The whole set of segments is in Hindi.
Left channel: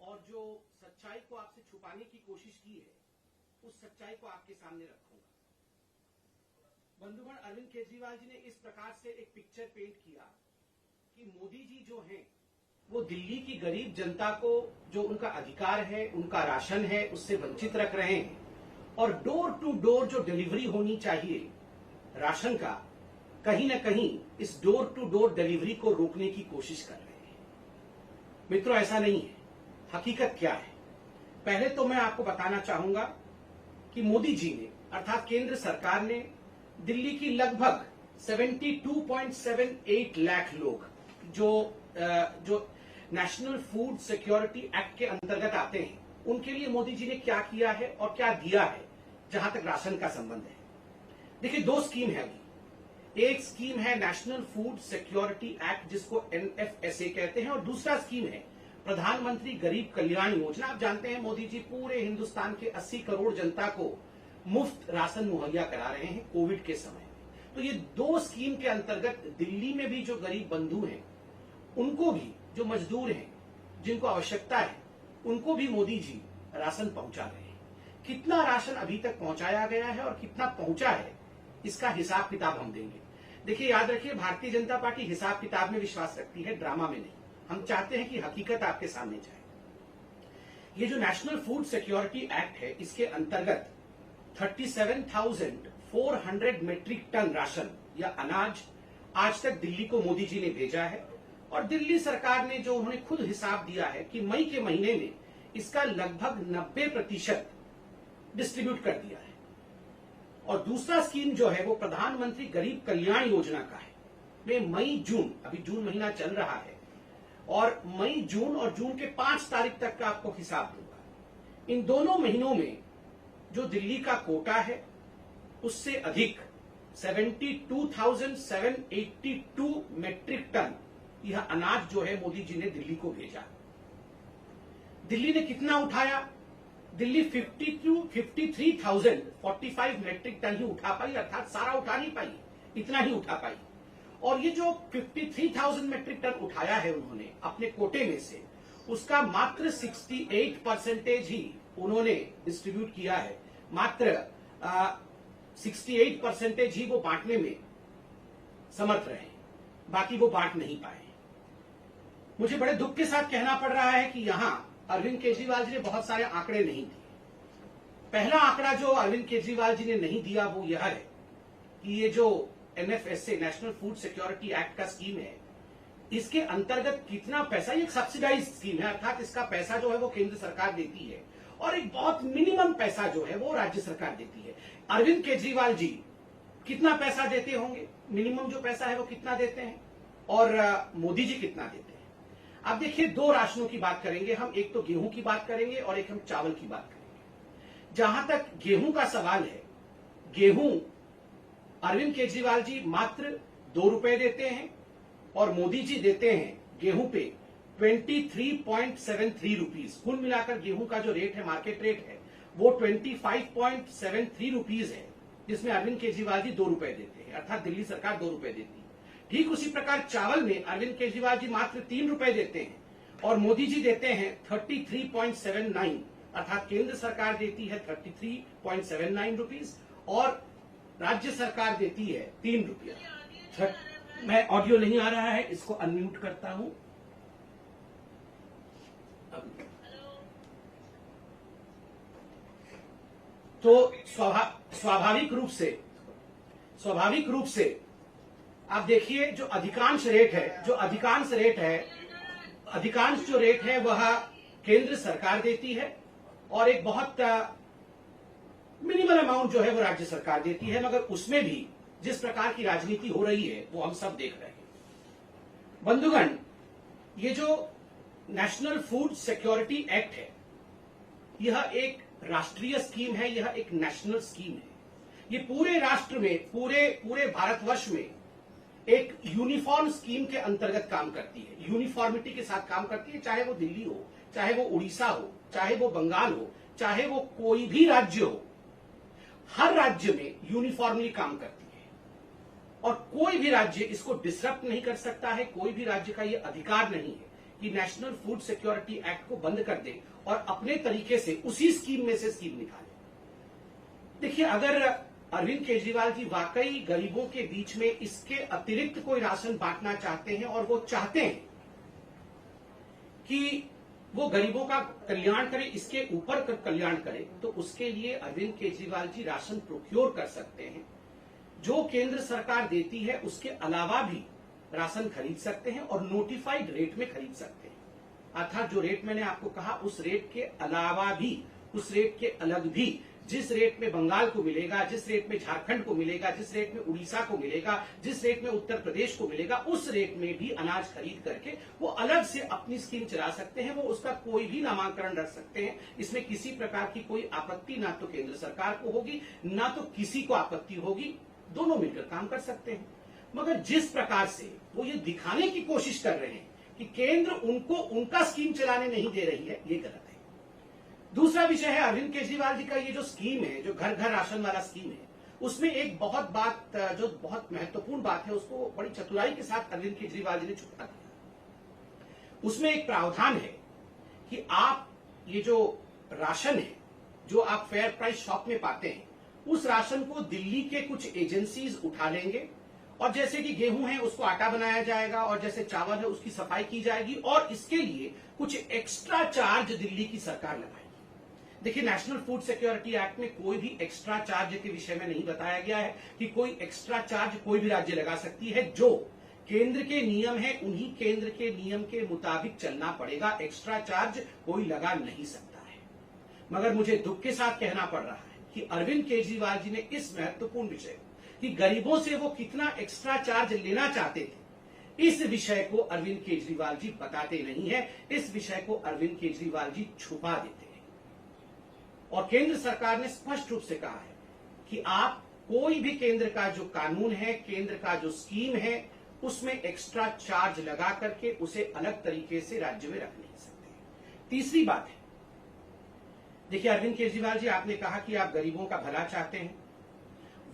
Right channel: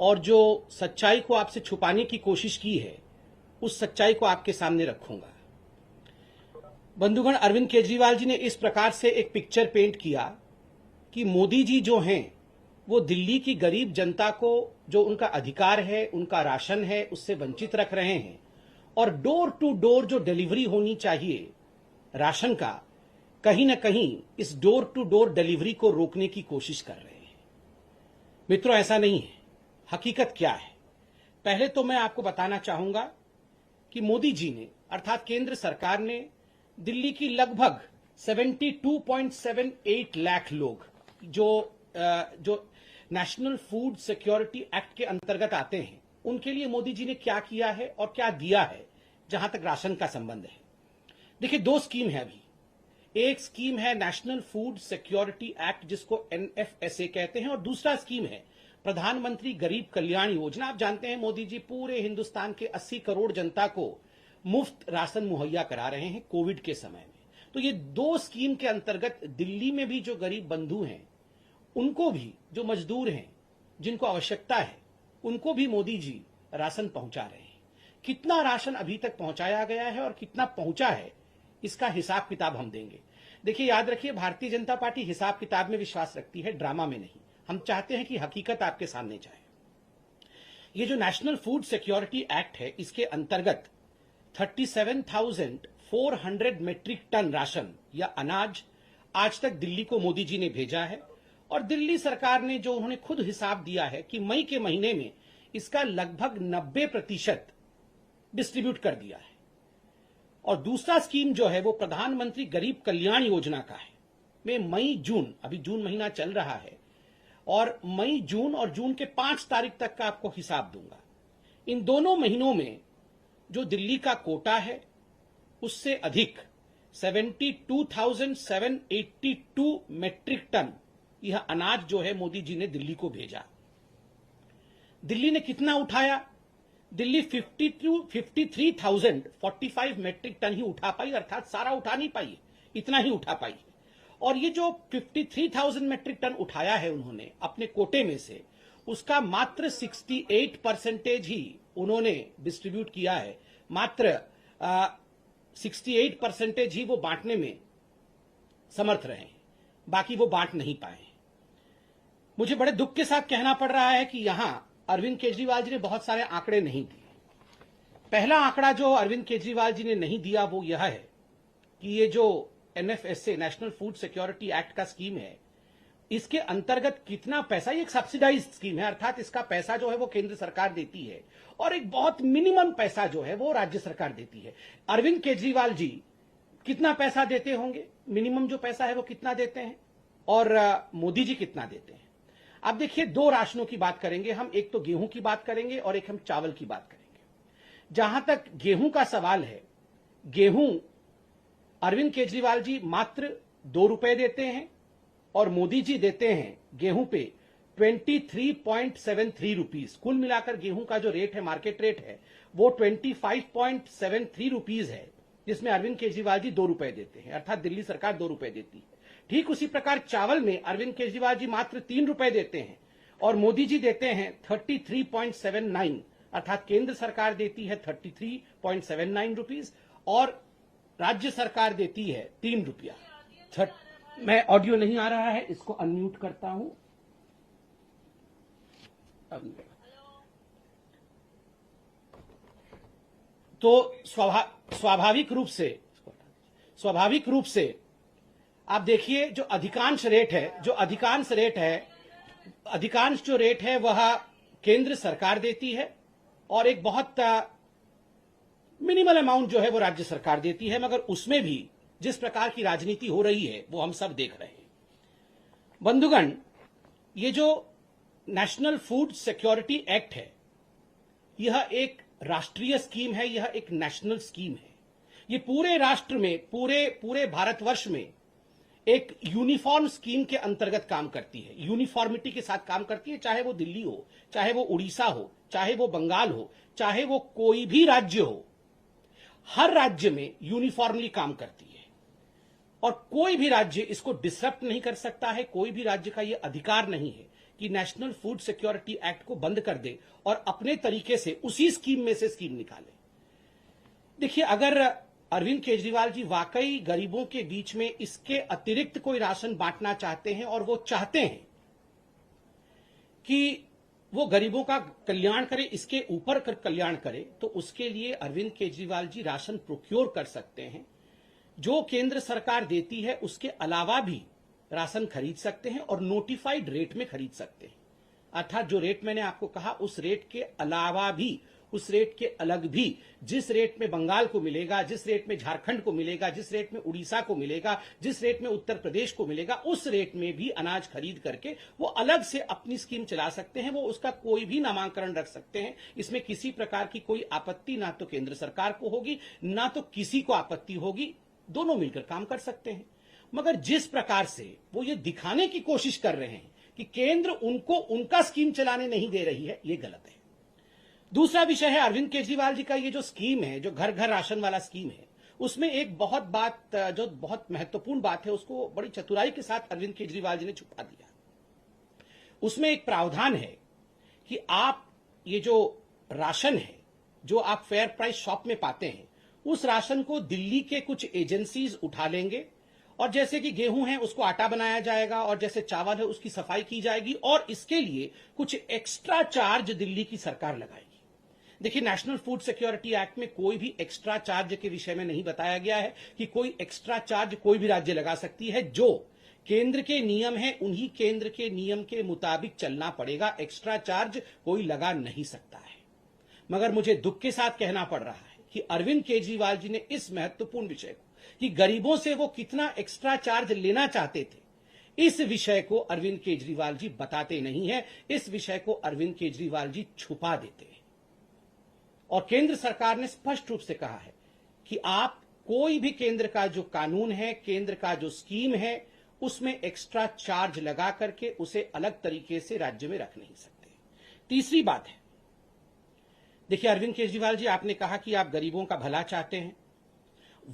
और जो सच्चाई को आपसे छुपाने की कोशिश की है उस सच्चाई को आपके सामने रखूंगा। बंधुगण, अरविंद केजरीवाल जी ने इस प्रकार से एक पिक्चर पेंट किया कि मोदी जी जो हैं वो दिल्ली की गरीब जनता को जो उनका अधिकार है, उनका राशन है, उससे वंचित रख रहे हैं और डोर टू डोर जो डिलीवरी होनी चाहिए राशन का, कहीं ना कहीं इस डोर टू डोर डिलीवरी को रोकने की कोशिश कर रहे हैं। मित्रों, ऐसा नहीं है। हकीकत क्या है? पहले तो मैं आपको बताना चाहूंगा कि मोदी जी ने अर्थात केंद्र सरकार ने दिल्ली की लगभग 72.78 लाख लोग जो नेशनल फूड सिक्योरिटी एक्ट के अंतर्गत आते हैं, उनके लिए मोदी जी ने क्या किया है और क्या दिया है जहां तक राशन का संबंध है। देखिए, दो स्कीम है अभी। एक स्कीम है नेशनल फूड सिक्योरिटी एक्ट जिसको NFSA कहते हैं और दूसरा स्कीम है प्रधानमंत्री गरीब कल्याण योजना। आप जानते हैं मोदी जी पूरे हिंदुस्तान के 80 करोड़ जनता को मुफ्त राशन मुहैया करा रहे हैं कोविड के समय में। तो ये दो स्कीम के अंतर्गत दिल्ली में भी जो गरीब बंधु हैं, उनको भी, जो मजदूर हैं, जिनको आवश्यकता है, उनको भी मोदी जी राशन पहुंचा रहे हैं। कितना राशन अभी तक पहुंचाया गया है और कितना पहुंचा है, इसका हिसाब किताब हम देंगे। देखिए, याद रखिए, भारतीय जनता पार्टी हिसाब किताब में विश्वास रखती है, ड्रामा में नहीं। हम चाहते हैं कि हकीकत आपके सामने जाए। ये जो नेशनल फूड सिक्योरिटी एक्ट है, इसके अंतर्गत 37,400 मीट्रिक टन राशन या अनाज आज तक दिल्ली को मोदी जी ने भेजा है और दिल्ली सरकार ने जो उन्होंने खुद हिसाब दिया है कि मई के महीने में इसका लगभग 90% डिस्ट्रीब्यूट कर दिया है। और दूसरा स्कीम जो है वो प्रधानमंत्री गरीब कल्याण योजना का है। मैं मई जून, अभी जून महीना चल रहा है और मई जून और जून के 5 तारीख तक का आपको हिसाब दूंगा। इन दोनों महीनों में जो दिल्ली का कोटा है उससे अधिक 72,782 मीट्रिक टन यह अनाज जो है मोदी जी ने दिल्ली को भेजा। दिल्ली ने कितना उठाया? दिल्ली 53,045 मीट्रिक टन ही उठा पाई, अर्थात सारा उठा नहीं पाई, इतना ही उठा पाई। और ये जो 53,000 मीट्रिक टन उठाया है उन्होंने अपने कोटे में से, उसका मात्र 68% ही उन्होंने डिस्ट्रीब्यूट किया है। मात्र 68% ही वो बांटने में समर्थ रहे, बाकी वो बांट नहीं पाए। मुझे बड़े दुख के साथ कहना पड़ रहा है कि यहां अरविंद केजरीवाल जी ने बहुत सारे आंकड़े नहीं दिए। पहला आंकड़ा जो अरविंद केजरीवाल जी ने नहीं दिया वो यह है कि ये जो NFSA national food security act का स्कीम है, इसके अंतर्गत कितना पैसा, ये एक सब्सिडाइज स्कीम है, अर्थात इसका पैसा जो है वो केंद्र सरकार देती है और एक बहुत मिनिमम पैसा जो है वो राज्य सरकार देती है। अरविंद केजरीवाल जी कितना पैसा देते होंगे, मिनिमम जो पैसा है वो कितना देते हैं और मोदी जी कितना देते हैं? अब देखिए, दो राशनों की बात करेंगे हम, एक तो गेहूं की बात करेंगे और एक हम चावल की बात करेंगे। जहां तक गेहूं का सवाल है, गेहूं अरविंद केजरीवाल जी मात्र 2 रुपए देते हैं और मोदी जी देते हैं गेहूं पे 23.73 रुपीज। कुल मिलाकर गेहूं का जो रेट है, मार्केट रेट है, वो 25.73 रुपीज है, जिसमें अरविंद केजरीवाल जी 2 रुपए देते हैं, अर्थात दिल्ली सरकार 2 रुपए देती है। ठीक उसी प्रकार चावल में अरविंद केजरीवाल जी मात्र 3 रुपए देते हैं और मोदी जी देते हैं 33.79, अर्थात केंद्र सरकार देती है 33.79 रुपीज और राज्य सरकार देती है 3 रुपया। मैं ऑडियो नहीं आ रहा है, इसको अनम्यूट करता हूं। तो स्वाभाविक रूप से आप देखिए, जो अधिकांश रेट है वह केंद्र सरकार देती है और एक बहुत मिनिमल अमाउंट जो है वो राज्य सरकार देती है, मगर उसमें भी जिस प्रकार की राजनीति हो रही है वो हम सब देख रहे हैं। बंधुगण, ये जो नेशनल फूड सिक्योरिटी एक्ट है, यह एक राष्ट्रीय स्कीम है, यह एक नेशनल स्कीम है। ये पूरे राष्ट्र में, पूरे भारतवर्ष में एक यूनिफॉर्म स्कीम के अंतर्गत काम करती है, यूनिफॉर्मिटी के साथ काम करती है। चाहे वो दिल्ली हो, चाहे वो उड़ीसा हो, चाहे वो बंगाल हो, चाहे वो कोई भी राज्य हो, हर राज्य में यूनिफॉर्मली काम करती है और कोई भी राज्य इसको डिसरप्ट नहीं कर सकता है। कोई भी राज्य का ये अधिकार नहीं है कि नेशनल फूड सिक्योरिटी एक्ट को बंद कर दे और अपने तरीके से उसी स्कीम में से स्कीम निकाले। देखिए, अगर अरविंद केजरीवाल जी वाकई गरीबों के बीच में इसके अतिरिक्त कोई राशन बांटना चाहते हैं और वो चाहते हैं कि वो गरीबों का कल्याण करे, इसके ऊपर कल्याण करे, तो उसके लिए अरविंद केजरीवाल जी राशन प्रोक्योर कर सकते हैं। जो केंद्र सरकार देती है उसके अलावा भी राशन खरीद सकते हैं और नोटिफाइड रेट में खरीद सकते हैं। अर्थात जो रेट मैंने आपको कहा उस रेट के अलावा भी, उस रेट के अलग भी, जिस रेट में बंगाल को मिलेगा, जिस रेट में झारखंड को मिलेगा, जिस रेट में उड़ीसा को मिलेगा, जिस रेट में उत्तर प्रदेश को मिलेगा, उस रेट में भी अनाज खरीद करके वो अलग से अपनी स्कीम चला सकते हैं। वो उसका कोई भी नामांकन रख सकते हैं। इसमें किसी प्रकार की कोई आपत्ति ना तो केंद्र सरकार को होगी, ना तो किसी को आपत्ति होगी। दोनों मिलकर काम कर सकते हैं। मगर जिस प्रकार से वो ये दिखाने की कोशिश कर रहे हैं कि केंद्र उनको उनका स्कीम चलाने नहीं दे रही है, ये गलत है। दूसरा विषय है अरविंद केजरीवाल जी का ये जो स्कीम है, जो घर घर राशन वाला स्कीम है, उसमें एक जो बहुत महत्वपूर्ण बात है, उसको बड़ी चतुराई के साथ अरविंद केजरीवाल जी ने छुपा दिया। उसमें एक प्रावधान है कि आप ये जो राशन है, जो आप फेयर प्राइस शॉप में पाते हैं, उस राशन को दिल्ली के कुछ एजेंसीज उठा लेंगे और जैसे कि गेहूं है उसको आटा बनाया जाएगा और जैसे चावल है उसकी सफाई की जाएगी और इसके लिए कुछ एक्स्ट्रा चार्ज दिल्ली की सरकार लगाएगी। देखिए, नेशनल फूड सिक्योरिटी एक्ट में कोई भी एक्स्ट्रा चार्ज के विषय में नहीं बताया गया है कि कोई एक्स्ट्रा चार्ज कोई भी राज्य लगा सकती है। जो केंद्र के नियम है उन्हीं केंद्र के नियम के मुताबिक चलना पड़ेगा। एक्स्ट्रा चार्ज कोई लगा नहीं सकता है। मगर मुझे दुख के साथ कहना पड़ रहा है कि अरविंद केजरीवाल जी ने इस महत्वपूर्ण विषय कि गरीबों से वो कितना एक्स्ट्रा चार्ज लेना चाहते थे, इस विषय को अरविंद केजरीवाल जी बताते नहीं है। इस विषय को अरविंद केजरीवाल जी छुपा देते हैं। और केंद्र सरकार ने स्पष्ट रूप से कहा है कि आप कोई भी केंद्र का जो कानून है, केंद्र का जो स्कीम है, उसमें एक्स्ट्रा चार्ज लगा करके उसे अलग तरीके से राज्य में रख नहीं सकते। तीसरी बात है, देखिए अरविंद केजरीवाल जी, आपने कहा कि आप गरीबों का भला चाहते हैं।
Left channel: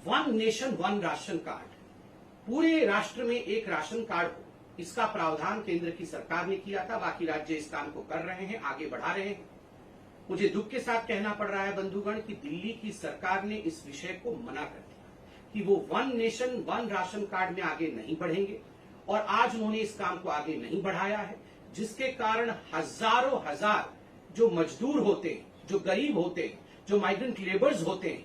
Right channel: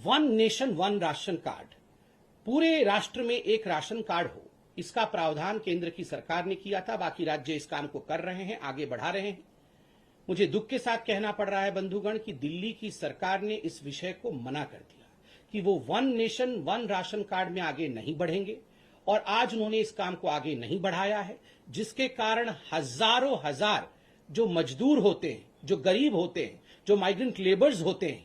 One nation one ration card, पूरे राष्ट्र में एक राशन कार्ड हो, इसका प्रावधान केंद्र की सरकार ने किया था। बाकी राज्य इस काम को कर रहे हैं, आगे बढ़ा रहे हैं। मुझे दुख के साथ कहना पड़ रहा है बंधुगण कि दिल्ली की सरकार ने इस विषय को मना कर दिया कि वो one nation one ration card में आगे नहीं बढ़ेंगे और आज उन्होंने इस काम को आगे नहीं बढ़ाया है, जिसके कारण हजारों हजार जो मजदूर होते हैं, जो गरीब होते हैं, जो माइग्रेंट लेबर्स होते हैं,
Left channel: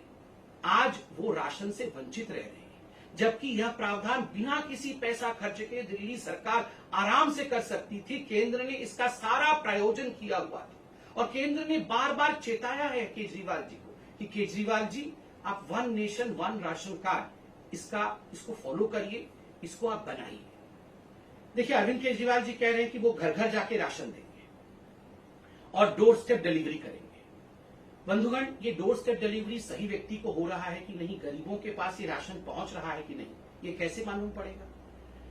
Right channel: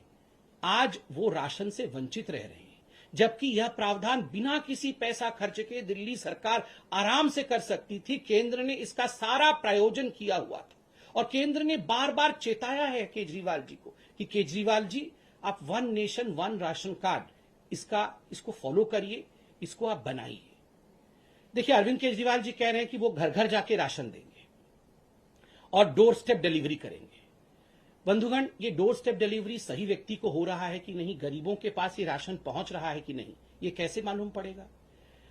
आज वो राशन से वंचित रह रहे हैं। जबकि यह प्रावधान बिना किसी पैसा खर्च के दिल्ली सरकार आराम से कर सकती थी। केंद्र ने इसका सारा प्रायोजन किया हुआ था और केंद्र ने बार बार चेताया है केजरीवाल जी को कि केजरीवाल जी, आप one nation one ration card इसको फॉलो करिए, इसको आप बनाइए। देखिए, अरविंद केजरीवाल जी कह रहे हैं कि वो घर घर जाके राशन देंगे और डोर स्टेप डिलीवरी करेंगे। बंधुगण, ये डोर स्टेप डिलीवरी सही व्यक्ति को हो रहा है कि नहीं, गरीबों के पास ये राशन पहुंच रहा है कि नहीं, ये कैसे मालूम पड़ेगा?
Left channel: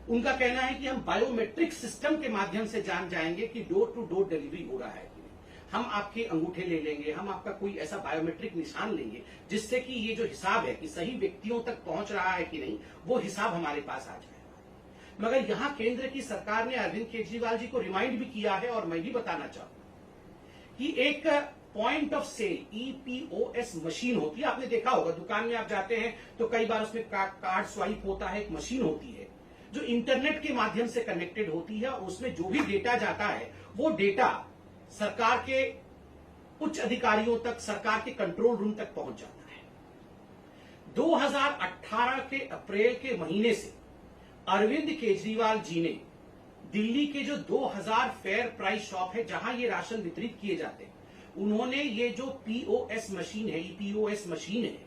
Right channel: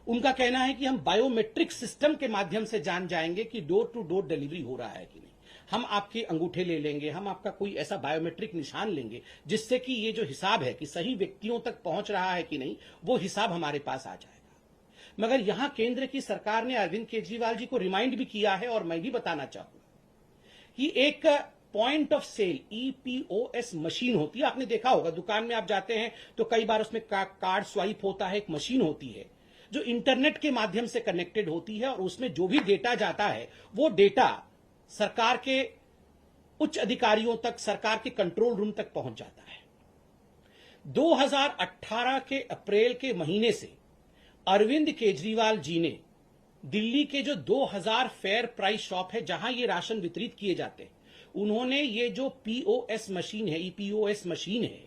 उनका कहना है कि हम बायोमेट्रिक सिस्टम के माध्यम से जान जाएंगे कि डोर टू डोर डिलीवरी हो रहा है कि नहीं। हम आपके अंगूठे ले लेंगे, हम आपका कोई ऐसा बायोमेट्रिक निशान लेंगे जिससे कि ये जो हिसाब है कि सही व्यक्तियों तक पहुंच रहा है कि नहीं, वो हिसाब हमारे पास आ जाएगा। मगर यहां केंद्र की सरकार ने अरविंद केजरीवाल जी को रिमाइंड भी किया है और मैं भी बताना चाहूंगा कि एक point of sale EPOS machine होती है। आपने देखा होगा, दुकान में आप जाते हैं तो कई बार उसमें कार्ड स्वाइप होता है, एक मशीन होती है जो इंटरनेट के माध्यम से कनेक्टेड होती है और उसमें जो भी डेटा जाता है वो डेटा सरकार के उच्च अधिकारियों तक, सरकार के कंट्रोल रूम तक पहुंच जाता है। 2018 के अप्रैल के महीने से अरविंद केजरीवाल जी ने दिल्ली के जो 2000 फेयर प्राइस शॉप है जहां ये राशन वितरित किए जाते हैं, उन्होंने ये जो POS मशीन है, EPOS मशीन है,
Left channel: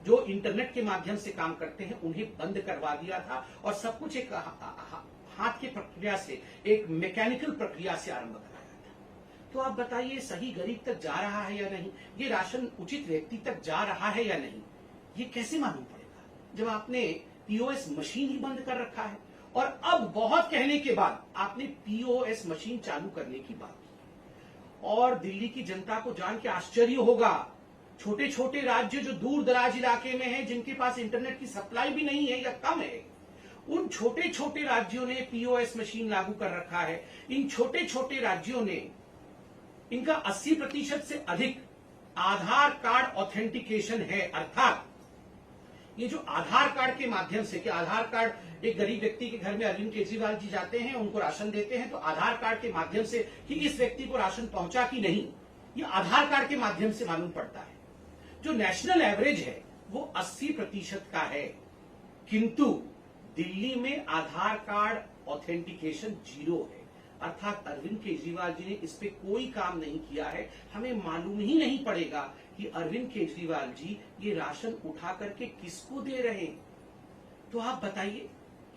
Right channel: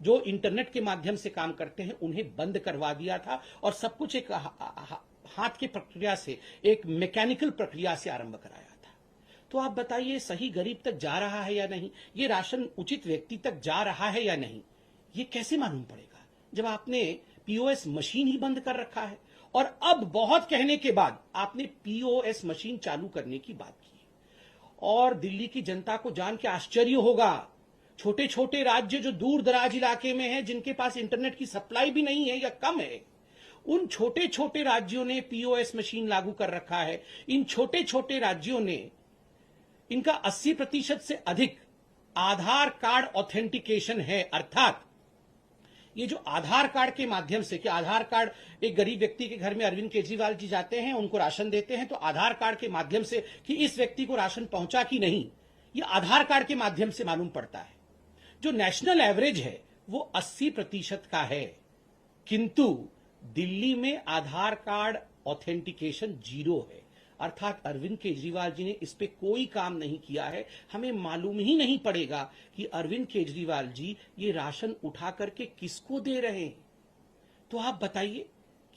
जो इंटरनेट के माध्यम से काम करते हैं, उन्हें बंद करवा दिया था और सब कुछ एक हाथ की प्रक्रिया से, एक मैकेनिकल प्रक्रिया से आरंभ कराया था। तो आप बताइए, सही गरीब तक जा रहा है या नहीं, ये राशन उचित व्यक्ति तक जा रहा है या नहीं, ये कैसे मालूम पड़ेगा जब आपने POS मशीन ही बंद कर रखा है? और अब बहुत कहने के बाद आपने POS मशीन चालू करने की बात की और दिल्ली की जनता को जान के आश्चर्य होगा, छोटे छोटे राज्य जो दूर दराज इलाके में हैं, जिनके पास इंटरनेट की सप्लाई भी नहीं है या कम है, उन छोटे छोटे राज्यों ने पीओएस मशीन लागू कर रखा है। इन छोटे छोटे राज्यों ने इनका 80% से अधिक आधार कार्ड ऑथेंटिकेशन है। अर्थात ये जो आधार कार्ड के माध्यम से, कि आधार कार्ड एक गरीब व्यक्ति के घर में अरविंद केजरीवाल जी जाते हैं, उनको राशन देते हैं, तो आधार कार्ड के माध्यम से कि इस व्यक्ति को राशन पहुंचा कि नहीं, ये आधार कार्ड के माध्यम से मालूम पड़ता है। जो नेशनल एवरेज है वो 80% का है, किंतु दिल्ली में आधार कार्ड ऑथेंटिकेशन 0 है। अर्थात अरविंद केजरीवाल जी ने इस पे कोई काम नहीं किया है। हमें मालूम ही नहीं पड़ेगा कि अरविंद केजरीवाल जी ये राशन उठा करके किसको दे रहे हैं। तो आप बताइए,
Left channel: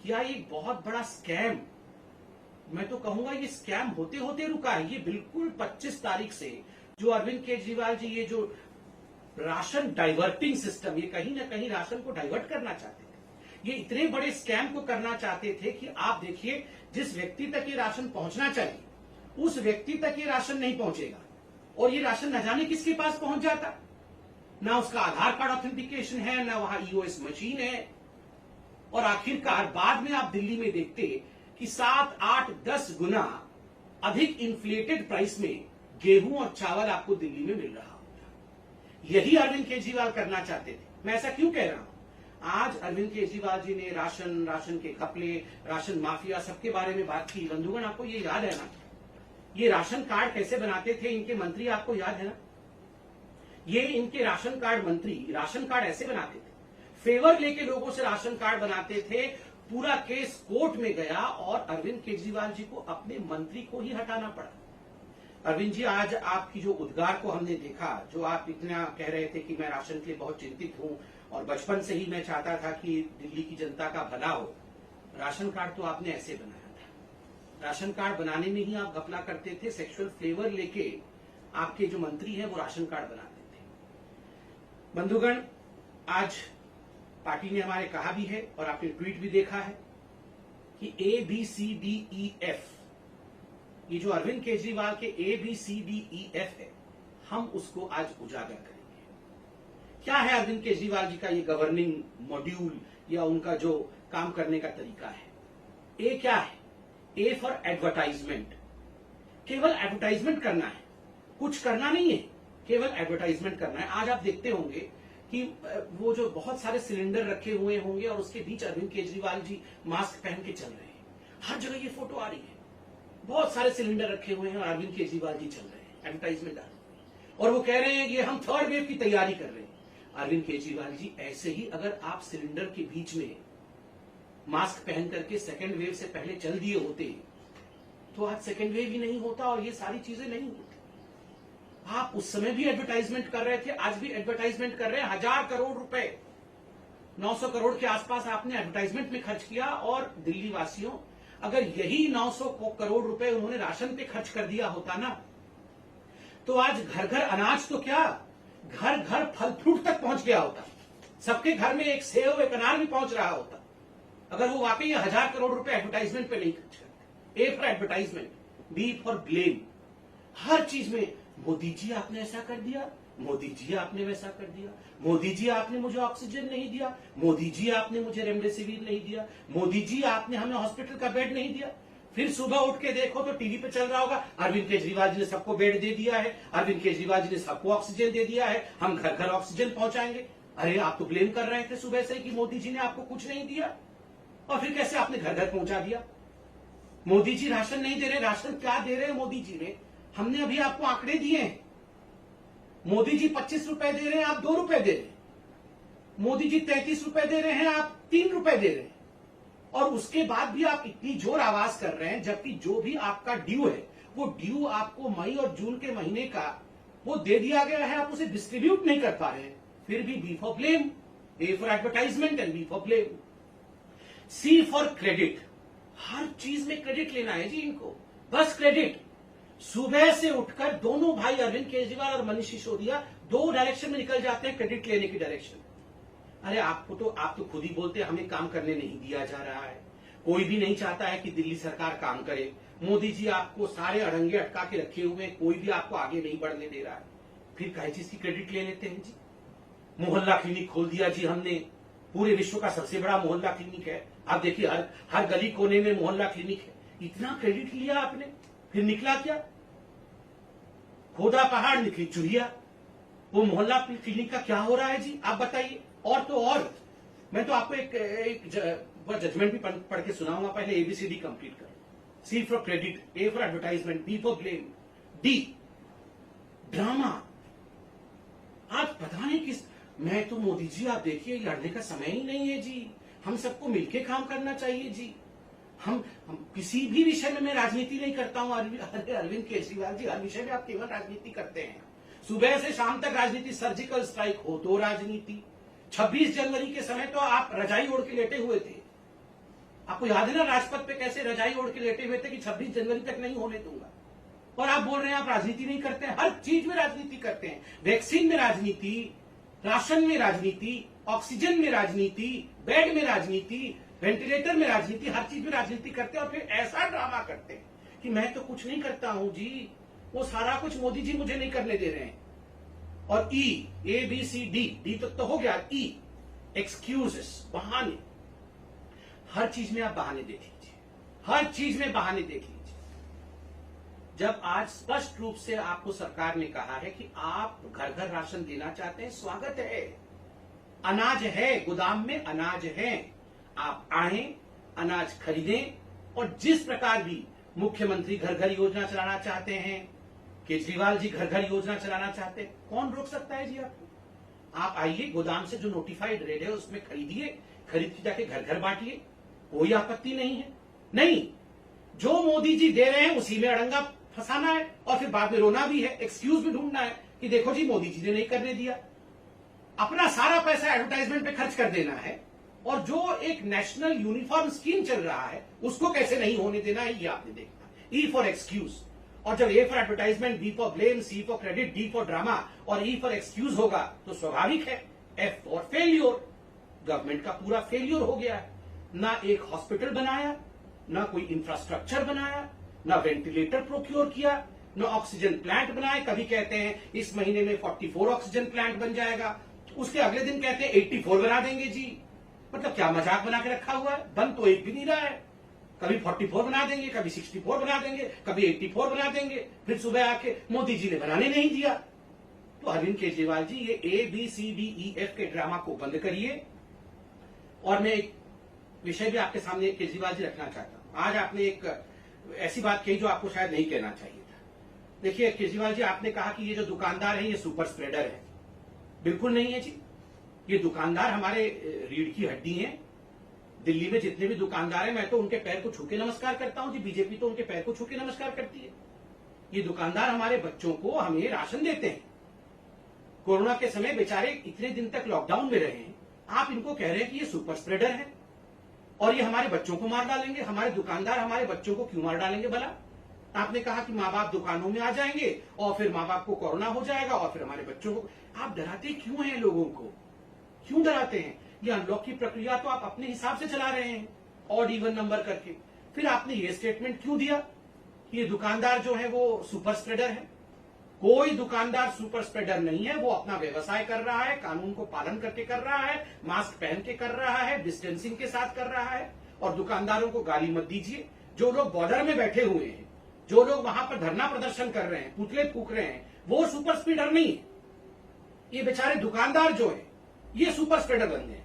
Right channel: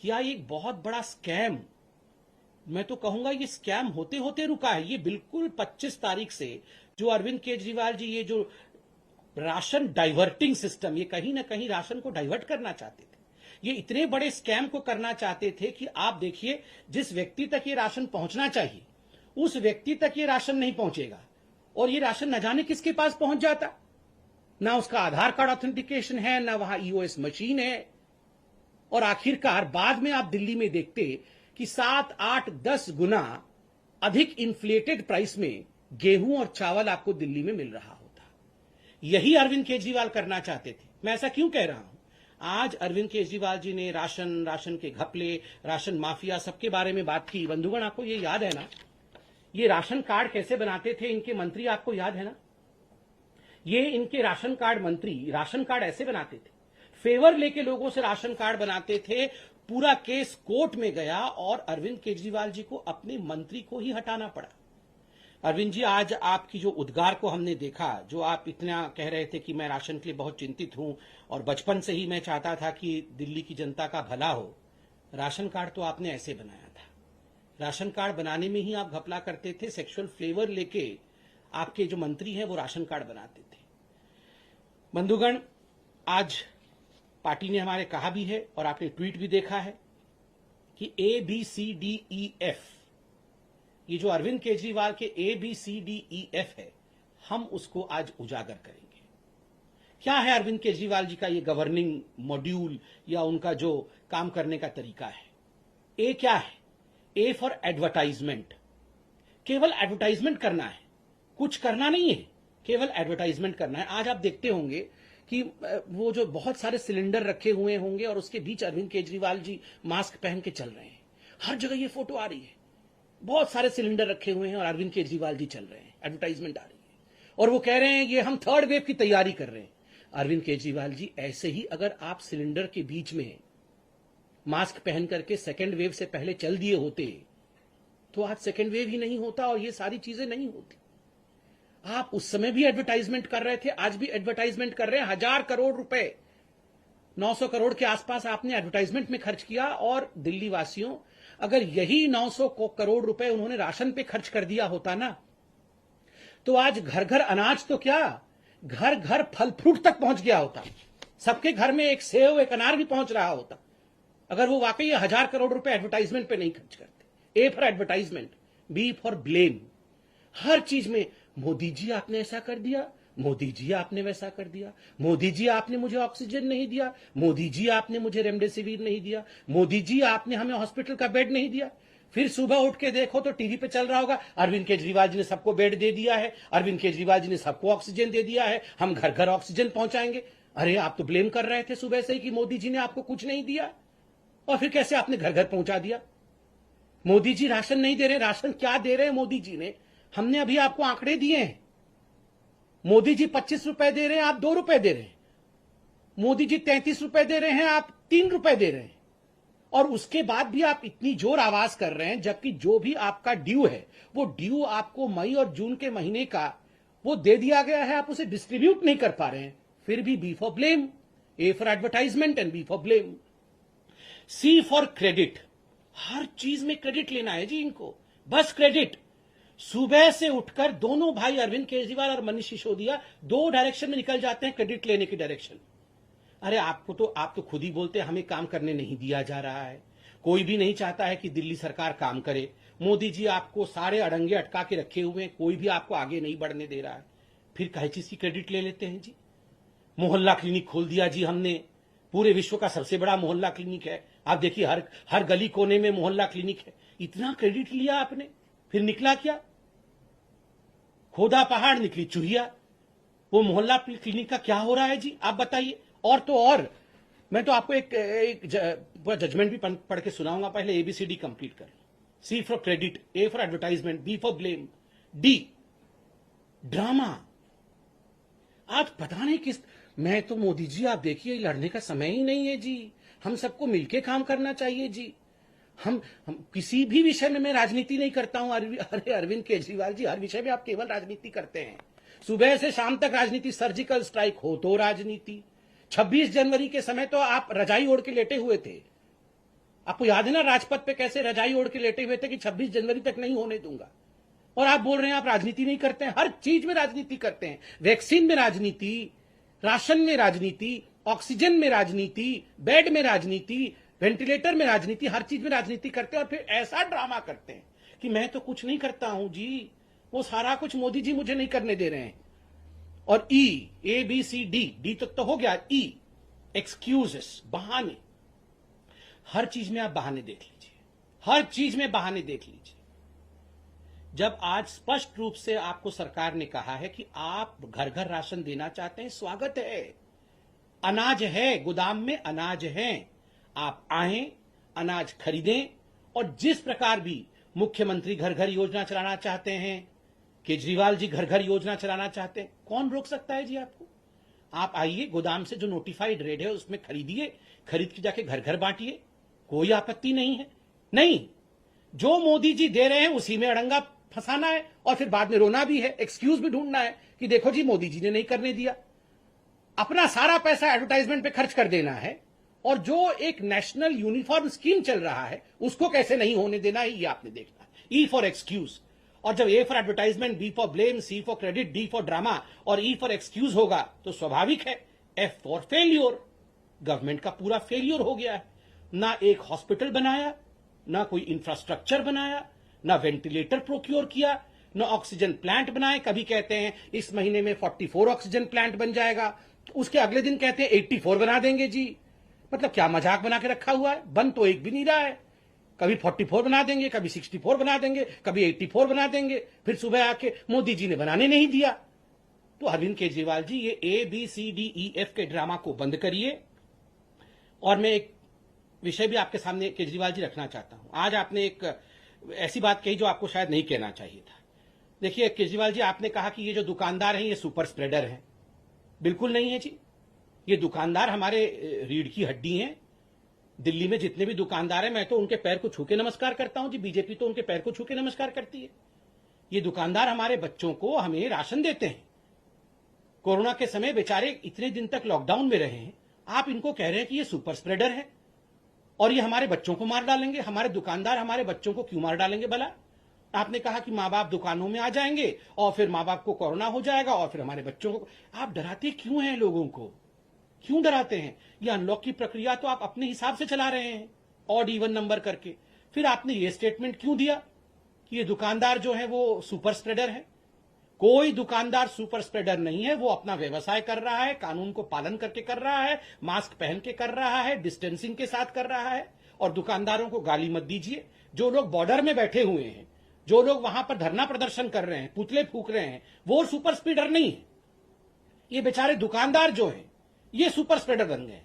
क्या ये एक बहुत बड़ा स्कैम, मैं तो कहूंगा ये स्कैम होते होते रुका है। ये बिल्कुल 25 तारीख से जो अरविंद केजरीवाल जी ये जो राशन डाइवर्टिंग सिस्टम, ये कहीं ना कहीं राशन को डाइवर्ट करना चाहते थे। ये इतने बड़े स्कैम को करना चाहते थे कि आप देखिए, जिस व्यक्ति तक ये राशन पहुंचना चाहिए उस व्यक्ति तक ये राशन नहीं पहुंचेगा, और ये राशन न जाने किसके पास पहुंच जाता। ना उसका आधार कार्ड ऑथेंटिकेशन है, ना वहां ईओएस मशीन है, और आखिरकार बाद में आप दिल्ली में देखते कि 7, 8, 10 गुना अधिक इन्फ्लेटेड प्राइस में गेहूं और चावल आपको दिल्ली में मिल रहा होता। यही अरविंद केजरीवाल करना चाहते थे। मैं ऐसा क्यों कह रहा हूं? आज अरविंद केजरीवाल जी ने राशन के घपले, राशन माफिया, सबके बारे में बात की। बंधुगण, आपको ये याद है ना, ये राशन कार्ड कैसे बनाते थे इनके मंत्री, आपको याद है ना? ये इनके राशन कार्ड मंत्री राशन कार्ड ऐसे बनाते थे, फेवर लेके लोगों से राशन कार्ड बनाते थे। पूरा केस कोर्ट में गया और अरविंद केजरीवाल जी को अपने मंत्री को ही हटाना पड़ा। अरविंद जी, आज आपकी जो उद्गार को हमने देखा, जो आप इतना कह रहे थे कि मैं राशन के लिए बहुत चिंतित हूं और बचपन से ही मैं चाहता था कि दिल्ली की जनता का भला हो, राशन कार्ड तो आपने ऐसे बनाया था। राशन कार्ड बनाने में ही आप घपला करते थे, सेक्सुअल फ्लेवर लेके आपके जो मंत्री हैं वो राशन कार्ड बनाते थे। बंधुगण, आज पार्टी ने हमारे कहा भी है और आपने ट्वीट भी देखा है कि ABCDEF, ये जो अरविंद केजरीवाल के ABCDEF है, हम उसको आज उजागर करेंगे। क्या है अरविंद केजरीवाल जी का ये गवर्निंग मॉड्यूल या उनका जो काम करने का तरीका है? ए क्या है? ए फॉर एडवर्टाइजमेंट। केवल एडवर्टाइजमेंट करना है, कुछ करना नहीं है, केवल एडवर्टाइजमेंट करना है। आज आप देखते होंगे कि वो जो बहुत सारे सिलेंडर रखे हुए होंगे और उसके बीच अरविंद केजरीवाल जी मास्क पहन के चल रहे हैं। हर जगह ये फोटो आ रही है, बहुत सारे सिलेंडर रखे हुए हैं और अरविंद केजरीवाल जी चल रहे हैं, एडवर्टाइजमेंट आ रही है, और वो कह रहे हैं कि हम 3rd वेव की तैयारी कर रहे हैं। अरविंद केजरीवाल जी, ऐसे ही अगर आप सिलेंडर के बीच में मास्क पहन करके 2nd वेव से पहले चल दिए होते तो आज 2nd वेव ही नहीं होता और ये सारी चीजें नहीं होती। आप उस समय भी एडवर्टाइजमेंट कर रहे थे, आज भी एडवर्टाइजमेंट कर रहे हैं। 1000 करोड़ रुपए, 900 करोड़ के आसपास आपने एडवर्टाइजमेंट में खर्च किया। और दिल्ली वासियों, अगर यही 900 करोड़ रुपए उन्होंने राशन पे खर्च कर दिया होता ना, तो आज घर घर अनाज तो क्या, घर घर फल फ्रूट तक पहुंच गया होता। सबके घर में एक सेव, एक अनार भी पहुंच रहा होता, अगर वो वाकई 1000 करोड़ रुपए एडवर्टाइजमेंट पे नहीं खर्च करते। A for advertisement, B for blame. हर चीज में मोदी जी आपने ऐसा कर दिया, मोदी जी आपने वैसा कर दिया, मोदी जी आपने मुझे ऑक्सीजन नहीं दिया, मोदी जी आपने मुझे रेमडेसिविर नहीं दिया, मोदी जी आपने हमें हॉस्पिटल का बेड नहीं दिया। फिर सुबह उठ के देखो तो टीवी पे चल रहा होगा, अरविंद केजरीवाल जी ने सबको बेड दे दिया है, अरविंद केजरीवाल जी ने सबको ऑक्सीजन दे दिया है, हम घर घर ऑक्सीजन पहुंचाएंगे। अरे आप तो ब्लेम कर रहे थे सुबह से कि मोदी जी ने आपको कुछ नहीं दिया, और फिर कैसे आपने घर घर पहुंचा दिया? मोदी जी राशन नहीं दे रहे, राशन क्या दे रहे हैं मोदी जी ने? हमने अभी आपको आंकड़े दिए हैं। मोदी जी 25 रुपए दे रहे हैं, आप 2 रुपए दे रहे हैं। मोदी जी 33 रुपए दे रहे हैं, आप 3 रुपए दे रहे हैं। और उसके बाद भी आप इतनी जोर आवाज कर रहे हैं, जबकि जो भी आपका ड्यू है वो ड्यू आपको मई और जून के महीने का वो दे दिया गया है, आप उसे डिस्ट्रीब्यूट नहीं कर पा रहे हैं। फिर भी B for blame, A for advertisement and B for blame. C for credit. हर चीज में क्रेडिट लेना है जी इनको, बस क्रेडिट। सुबह से उठकर दोनों भाई अरविंद केजरीवाल और मनीष सिसोदिया 2 डायरेक्शन में निकल जाते हैं, क्रेडिट लेने की डायरेक्शन। अरे आप तो खुद ही बोलते हैं हमें काम करने नहीं दिया जा रहा है, कोई भी नहीं चाहता है कि दिल्ली सरकार काम करे। मोदी जी आपको सारे अड़ंगे अटका के रखे हुए हैं, कोई भी आपको आगे नहीं बढ़ने दे रहा है, फिर कई चीज की क्रेडिट ले लेते हैं जी। मोहल्ला क्लिनिक खोल दिया जी हमने, पूरे विश्व का सबसे बड़ा मोहल्ला क्लिनिक है, आप देखिए हर हर गली कोने में मोहल्ला क्लिनिक है। इतना क्रेडिट लिया आपने, फिर निकला क्या? खोदा पहाड़ निकली चुहिया। वो मोहल्ला क्लिनिक का क्या हो रहा है जी, आप बताइए। और तो और मैं तो आपको एक पूरा जजमेंट भी पढ़ के सुनाऊंगा। पहले एबीसीडी कंप्लीट कर। C for credit, A for advertisement, B for blame, D drama. आज पता नहीं किस, मैं तो मोदी जी आप देखिए लड़ने का समय ही नहीं है जी। हम सबको मिलके काम करना चाहिए जी। हम किसी भी विषय में मैं राजनीति नहीं करता हूं। अरे अरविंद केजरीवाल जी, हर विषय में आप केवल राजनीति करते हैं। सुबह से शाम तक राजनीति, सर्जिकल स्ट्राइक हो तो राजनीति। 26 जनवरी के समय तो आप रजाई ओढ़ के लेटे हुए थे। आपको याद है ना राजपथ पे कैसे रजाई ओढ़ के लेटे हुए थे कि 26 जनवरी तक नहीं होने दूंगा। और आप बोल रहे हैं आप राजनीति नहीं करते हैं। हर चीज में राजनीति करते हैं। वैक्सीन में राजनीति, राशन में राजनीति, ऑक्सीजन में राजनीति, बेड में राजनीति, वेंटिलेटर में राजनीति, हर चीज में राजनीति करते हैं। और फिर ऐसा ड्रामा करते हैं कि मैं तो कुछ नहीं करता हूं जी, वो सारा कुछ मोदी जी मुझे नहीं करने दे रहे हैं। और E, A B C D, D तक तो हो गया। ई, एक्सक्यूजेस, बहाने। हर चीज में आप बहाने देख लीजिए, हर चीज में बहाने देख लीजिए। जब आज स्पष्ट रूप से आपको सरकार ने कहा है कि आप घर घर राशन देना चाहते हैं, स्वागत है। अनाज है, गोदाम में अनाज है, आप आए, अनाज खरीदें। और जिस प्रकार भी मुख्यमंत्री घर घर योजना चलाना चाहते हैं, केजरीवाल जी घर घर योजना चलाना चाहते हैं, कौन रोक सकता है जी आपको? आप आइए, गोदाम से जो नोटिफाइड रेट है उसमें खरीदिए, खरीद के जाके घर घर बांटिए, कोई आपत्ति नहीं है। नहीं, जो मोदी जी दे रहे हैं उसी में अड़ंगा फंसाना है और फिर बाद में रोना भी है, एक्सक्यूज भी ढूंढना है कि देखो जी मोदी जी ने नहीं करने दिया। अपना सारा पैसा एडवर्टाइजमेंट पे खर्च कर देना है। और जो एक नेशनल यूनिफॉर्म स्कीम चल रहा है उसको कैसे नहीं होने देना है, ये आपने देखना। E for excuse. और जब A for advertisement, B for blame, C for credit, D for drama और ई फॉर एक्सक्यूज होगा तो स्वाभाविक है एफ फॉर फेल्योर। गवर्नमेंट का पूरा फेल्योर हो गया है। ना एक हॉस्पिटल बनाया, ना कोई इंफ्रास्ट्रक्चर बनाया, ना वेंटिलेटर प्रोक्योर किया, ना ऑक्सीजन प्लांट बनाए। कभी कहते हैं इस महीने में 44 ऑक्सीजन प्लांट बन जाएगा, उसके अगले दिन कहते हैं 84 बना देंगे जी। मतलब क्या मजाक बना के रखा हुआ है? बन तो एक भी नहीं रहा है। कभी 44 बना देंगे, कभी 64 बना देंगे, कभी 84 बना देंगे, फिर सुबह आके मोदी जी ने बनाने नहीं दिया। तो अरविंद केजरीवाल जी, ये A B C D E F के ड्रामा को बंद करिए। और मैं एक विषय भी आपके सामने केजरीवाल जी रखना चाहता हूं। आज आपने एक ऐसी बात कही जो आपको शायद नहीं कहना चाहिए था। देखिए केजरीवाल जी, आपने कहा कि ये जो दुकानदार है ये सुपर स्प्रेडर है। बिल्कुल नहीं है जी। ये दुकानदार हमारे रीढ़ की हड्डी हैं। दिल्ली में जितने भी दुकानदार हैं, मैं तो उनके पैर को छू के नमस्कार करता हूं जी। बीजेपी तो उनके पैर को छू के नमस्कार करती है। ये दुकानदार हमारे बच्चों को, हमें राशन देते हैं। कोरोना के समय बेचारे इतने दिन तक लॉकडाउन में रहे हैं, आप इनको कह रहे हैं कि ये सुपर स्प्रेडर है और ये हमारे बच्चों को मार डालेंगे। हमारे दुकानदार हमारे बच्चों को क्यों मार डालेंगे भला? आपने कहा कि माँ बाप दुकानों में आ जाएंगे और फिर माँ बाप को कोरोना हो जाएगा और फिर हमारे बच्चों को। आप डराते क्यों हैं लोगों को? क्यों डराते हैं? ये अनलॉक की प्रक्रिया तो आप अपने हिसाब से चला रहे हैं, ऑड इवन नंबर करके। फिर आपने ये स्टेटमेंट क्यों दिया कि ये दुकानदार जो है वो सुपर स्प्रेडर है? कोई दुकानदार सुपर स्प्रेडर नहीं है। वो अपना व्यवसाय कर रहा है, कानून को पालन करके कर रहा है, मास्क पहन के कर रहा है, डिस्टेंसिंग के साथ कर रहा है। और दुकानदारों को गाली मत दीजिए। जो लोग बॉर्डर में बैठे हुए हैं, जो लोग वहां पर धरना प्रदर्शन कर रहे हैं, पुतले फूक रहे हैं, वो सुपर स्प्रेडर नहीं है। ये बेचारे दुकानदार जो है ये सुपर स्प्रेडर बन गए।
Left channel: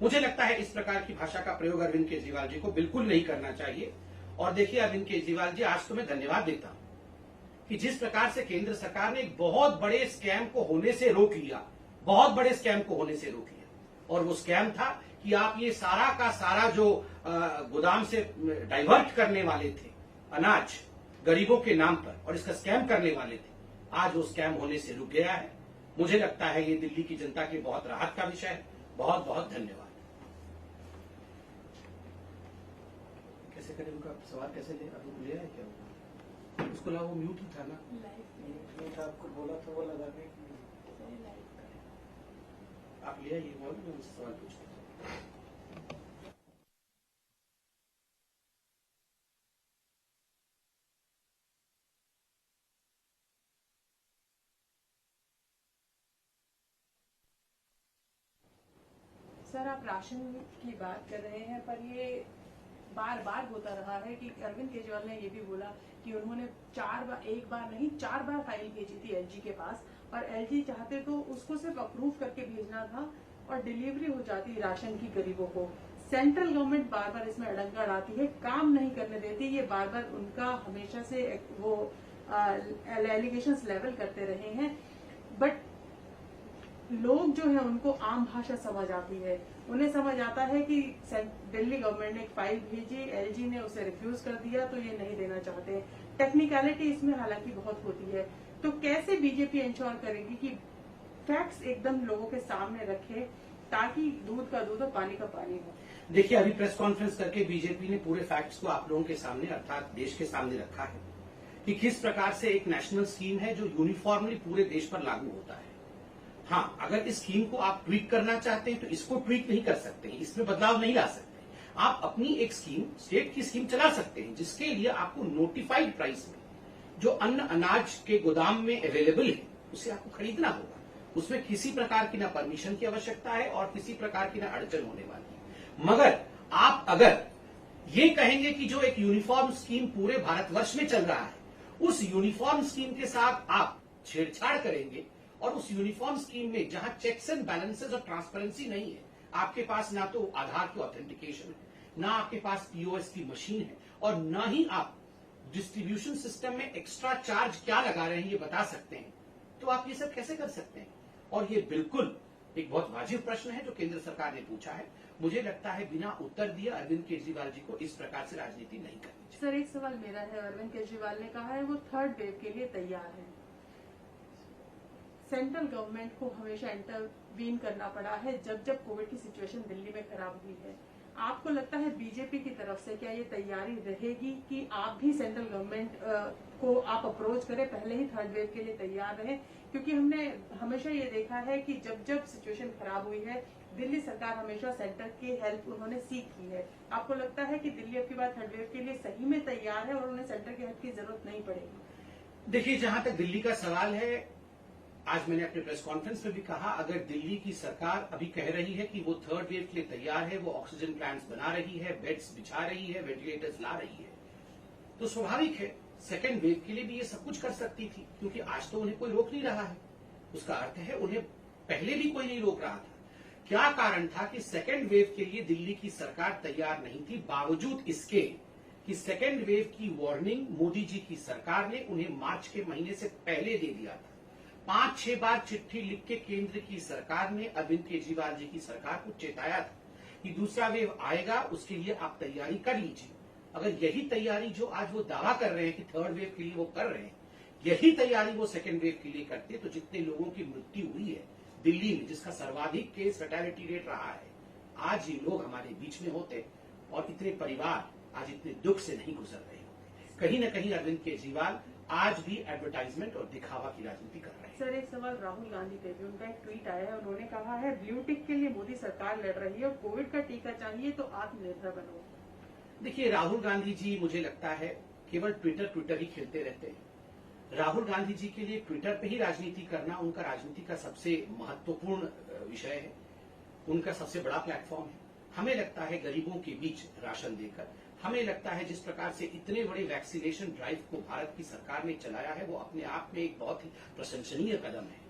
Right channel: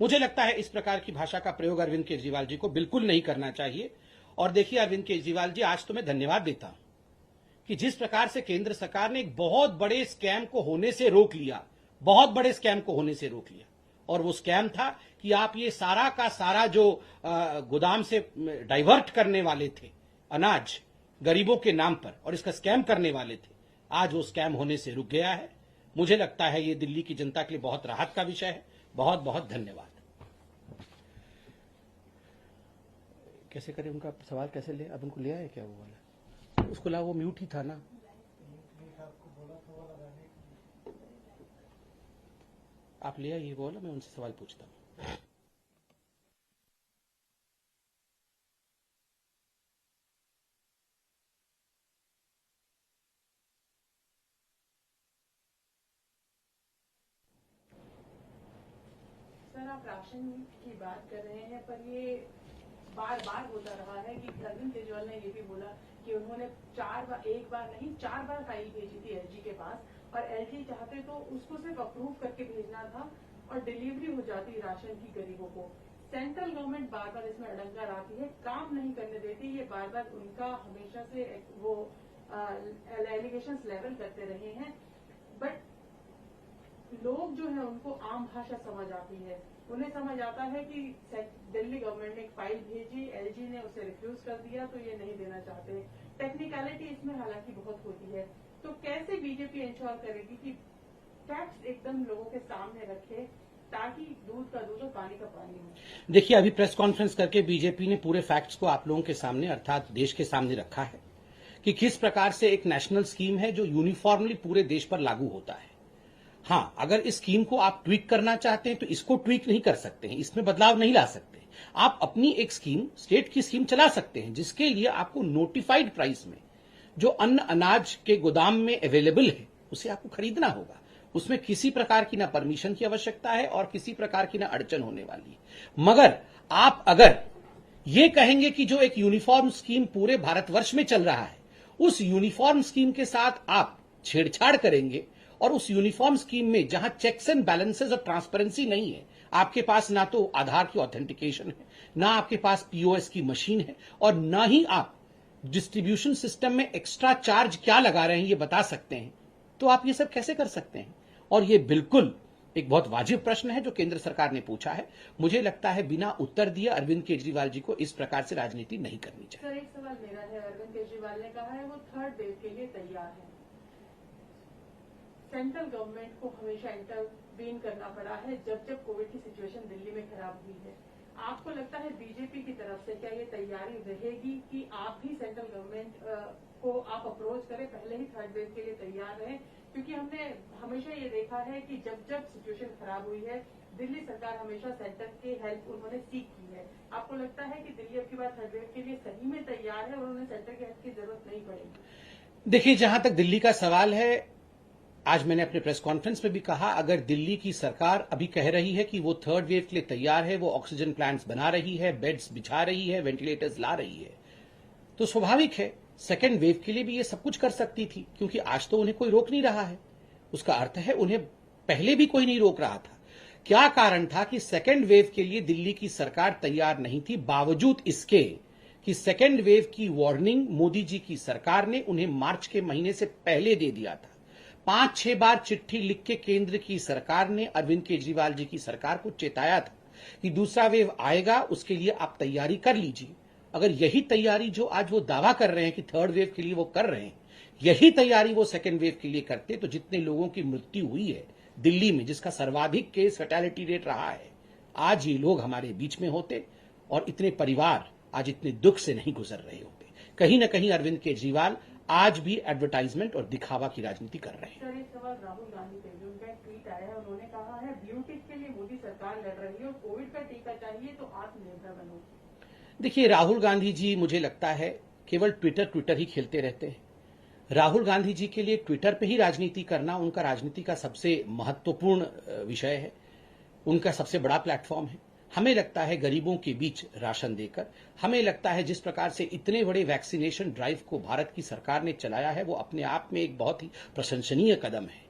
मुझे लगता है इस प्रकार की भाषा का प्रयोग अरविंद केजरीवाल जी को बिल्कुल नहीं करना चाहिए। और देखिए अरविंद केजरीवाल जी, आज तो मैं धन्यवाद देता हूं कि जिस प्रकार से केंद्र सरकार ने एक बहुत बड़े स्कैम को होने से रोक लिया, बहुत बड़े स्कैम को होने से रोक लिया। और वो स्कैम था कि आप ये सारा का सारा जो गोदाम से डाइवर्ट करने वाले थे अनाज गरीबों के नाम पर, और इसका स्कैम करने वाले थे, आज वो स्कैम होने से रुक गया है। मुझे लगता है ये दिल्ली की जनता के लिए बहुत राहत का विषय है। बहुत बहुत धन्यवाद। कैसे करें? उनका सवाल कैसे ले? अब उनको ले आए क्या हुआ? उसको लगा वो म्यूट ही था ना। आपको बोला तो वो लगा के आप ले आइए वो ना, मैं उनसे सवाल पूछता हूँ। सर सर, आप राशन की बात कर रहे हैं, पर ये बार बार होता रहा है कि अरविंद केजरीवाल ने ये भी बोला कि उन्होंने एक बार नहीं 4 बार फाइल भेजी थी एलजी के पास, और एलजी चाहते तो उसको सिर्फ अप्रूव करके भेजना था और डिलीवरी हो जाती राशन की गरीबों को। सेंट्रल गवर्नमेंट बार बार इसमें अड़ंगा डालती है, काम नहीं करने देती। ये बार बार उनका हमेशा से वो एलिगेशंस लेवल करते रहे हैं, बट लोग जो है उनको आम भाषा समझ आती है। उन्हें समझ आता है कि दिल्ली गवर्नमेंट ने एक फाइल भेजी, एलजी ने उसे रिफ्यूज कर दिया, तो ये नहीं देना चाहते। टेक्निकलिटी इसमें हालांकि बहुत होती है। तो कैसे बीजेपी इंश्योर करेगी कि फैक्ट्स एकदम लोगों के सामने रखे, ताकि दूध का दूध और पानी का पानी हो? देखिए, अभी प्रेस कॉन्फ्रेंस करके बीजेपी ने पूरे फैक्ट्स को आप लोगों के सामने अर्थात देश के सामने रखा है कि किस प्रकार से एक नेशनल स्कीम है जो यूनिफॉर्मली पूरे देश पर लागू होता है। हाँ, अगर इस स्कीम को आप ट्वीक करना चाहते हैं तो इसको ट्वीक नहीं कर सकते हैं, इसमें बदलाव नहीं ला सकते। आप अपनी एक स्कीम, स्टेट की स्कीम चला सकते हैं, जिसके लिए आपको नोटिफाइड प्राइस में जो अन्न अनाज के गोदाम में अवेलेबल है उसे आपको खरीदना होगा। उसमें किसी प्रकार की ना परमिशन की आवश्यकता है और किसी प्रकार की ना अड़चन होने वाली है। मगर आप अगर ये कहेंगे कि जो एक यूनिफॉर्म स्कीम पूरे भारतवर्ष में चल रहा है, उस यूनिफॉर्म स्कीम के साथ आप छेड़छाड़ करेंगे और उस यूनिफॉर्म स्कीम में जहां चेक्स एंड बैलेंसेस और ट्रांसपेरेंसी नहीं है, आपके पास ना तो आधार की ऑथेंटिकेशन है, ना आपके पास पीओएस की मशीन है, और ना ही आप डिस्ट्रीब्यूशन सिस्टम में एक्स्ट्रा चार्ज क्या लगा रहे हैं ये बता सकते हैं, तो आप ये सब कैसे कर सकते हैं? और ये बिल्कुल एक बहुत वाजिब प्रश्न है जो केंद्र सरकार ने पूछा है। मुझे लगता है बिना उत्तर दिए अरविंद केजरीवाल जी को इस प्रकार से राजनीति नहीं करनी चाहिए। सर, एक सवाल मेरा है। अरविंद केजरीवाल ने कहा है वो थर्ड वेव के लिए तैयार है। सेंट्रल गवर्नमेंट को हमेशा इंटरवीन करना पड़ा है जब जब कोविड की सिचुएशन दिल्ली में खराब हुई है। आपको लगता है बीजेपी की तरफ से क्या ये तैयारी रहेगी कि आप भी सेंट्रल गवर्नमेंट को आप अप्रोच करें, पहले ही थर्ड वेव के लिए तैयार रहें? क्योंकि हमने हमेशा ये देखा है कि जब जब सिचुएशन खराब हुई है, दिल्ली सरकार हमेशा सेंटर की हेल्प उन्होंने सीख की है। आपको लगता है कि दिल्ली अब की बार थर्ड वेव के लिए सही में तैयार है और उन्हें सेंटर की हेल्प की जरूरत नहीं पड़ेगी? देखिए, जहां तक दिल्ली का सवाल है, आज मैंने अपने प्रेस कॉन्फ्रेंस में भी कहा, अगर दिल्ली की सरकार अभी कह रही है कि वो थर्ड वेव के लिए तैयार है, वो ऑक्सीजन प्लांट्स बना रही है, बेड्स बिछा रही है, वेंटिलेटर्स ला रही है, तो स्वाभाविक है सेकेंड वेव के लिए भी ये सब कुछ कर सकती थी, क्योंकि आज तो उन्हें कोई रोक नहीं रहा है। उसका अर्थ है उन्हें पहले भी कोई नहीं रोक रहा था। क्या कारण था कि सेकेंड वेव के लिए दिल्ली की सरकार तैयार नहीं थी, बावजूद इसके कि सेकेंड वेव की वार्निंग मोदी जी की सरकार ने उन्हें मार्च के महीने से पहले दे दिया था। 5-6 बार चिट्ठी लिख के केंद्र की सरकार ने अरविंद केजरीवाल जी की सरकार को चेताया था कि दूसरा वेव आएगा, उसके लिए आप तैयारी कर लीजिए। अगर यही तैयारी जो आज वो दावा कर रहे हैं कि थर्ड वेव के लिए वो कर रहे हैं, यही तैयारी वो सेकेंड वेव के लिए करते, तो जितने लोगों की मृत्यु हुई है दिल्ली में, जिसका सर्वाधिक केस फैटेलिटी रेट रहा है, आज ये लोग हमारे बीच में होते और इतने परिवार आज इतने दुख से नहीं गुजर रहे होते। कहीं ना कहीं अरविंद केजरीवाल आज भी एडवर्टाइजमेंट और दिखावा की राजनीति कर रहे हैं। सर, एक सवाल राहुल गांधी पे भी, उनका एक ट्वीट आया है। उन्होंने कहा है ब्लू टिक के लिए मोदी सरकार लड़ रही है और कोविड का टीका चाहिए तो आत्मनिर्भर बनो। देखिए, राहुल गांधी जी मुझे लगता है केवल ट्विटर ही खेलते रहते हैं। राहुल गांधी जी के लिए ट्विटर पे ही राजनीति करना उनका राजनीति का सबसे महत्वपूर्ण विषय है, उनका सबसे बड़ा प्लेटफॉर्म है। हमें लगता है गरीबों के बीच राशन देकर, हमें लगता है जिस प्रकार से इतने बड़े वैक्सीनेशन ड्राइव को भारत की सरकार ने चलाया है, वो अपने आप में एक बहुत ही प्रशंसनीय कदम है।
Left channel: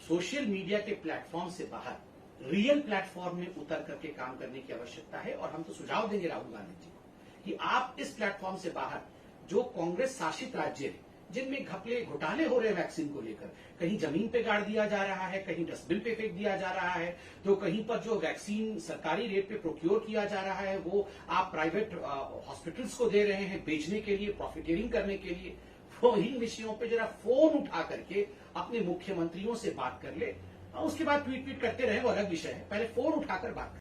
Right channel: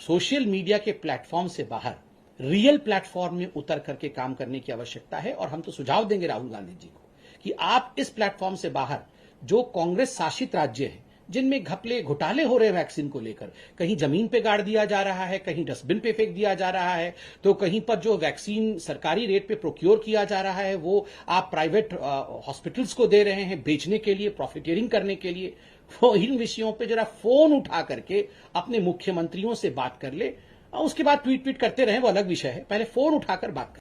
सोशल मीडिया के प्लेटफॉर्म से बाहर रियल प्लेटफॉर्म में उतर करके काम करने की आवश्यकता है, और हम तो सुझाव देंगे राहुल गांधी जी को कि आप इस प्लेटफॉर्म से बाहर जो कांग्रेस शासित राज्य है, जिनमें घपले घोटाले हो रहे हैं वैक्सीन को लेकर, कहीं जमीन पे गाड़ दिया जा रहा है, कहीं डस्टबिन पे फेंक दिया जा रहा है, तो कहीं पर जो वैक्सीन सरकारी रेट पे प्रोक्योर किया जा रहा है वो आप प्राइवेट हॉस्पिटल्स को दे रहे हैं बेचने के लिए, प्रॉफिटियरिंग करने के लिए। वो इन विषयों पे जरा फोन उठा करके अपने मुख्यमंत्रियों से बात कर ले, उसके बाद ट्वीट करते रहे वो अलग विषय है, पहले फोन उठाकर बात कर